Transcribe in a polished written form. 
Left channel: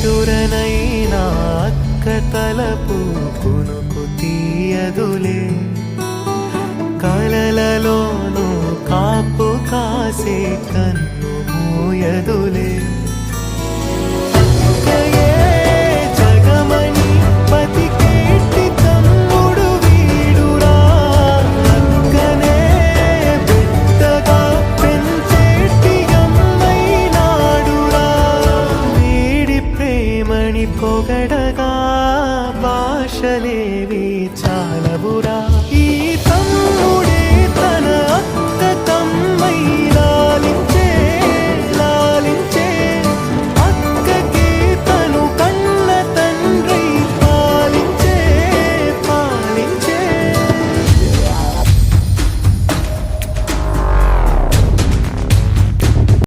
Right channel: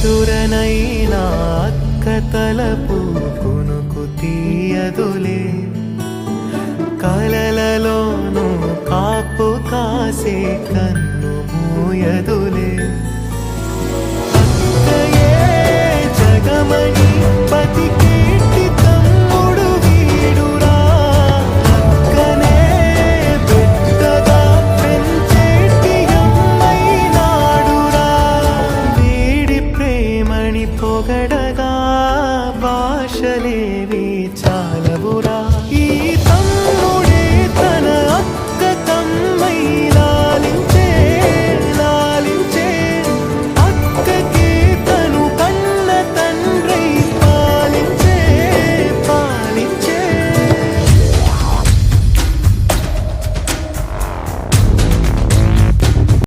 నిదురనైనా అక్క తలపు కునుకు తీయదులే, కలలలోనూ కాపు కాసే కన్ను మూయదులే. అక్కయే జగమణి బతికేటి తమ్ముడు వీడురా, అక్కనే బిడ్డగా పెంచేటి అమ్మైనాడురా. వీడి ప్రేమని పొగడగా భాషలేవి చాలవురా.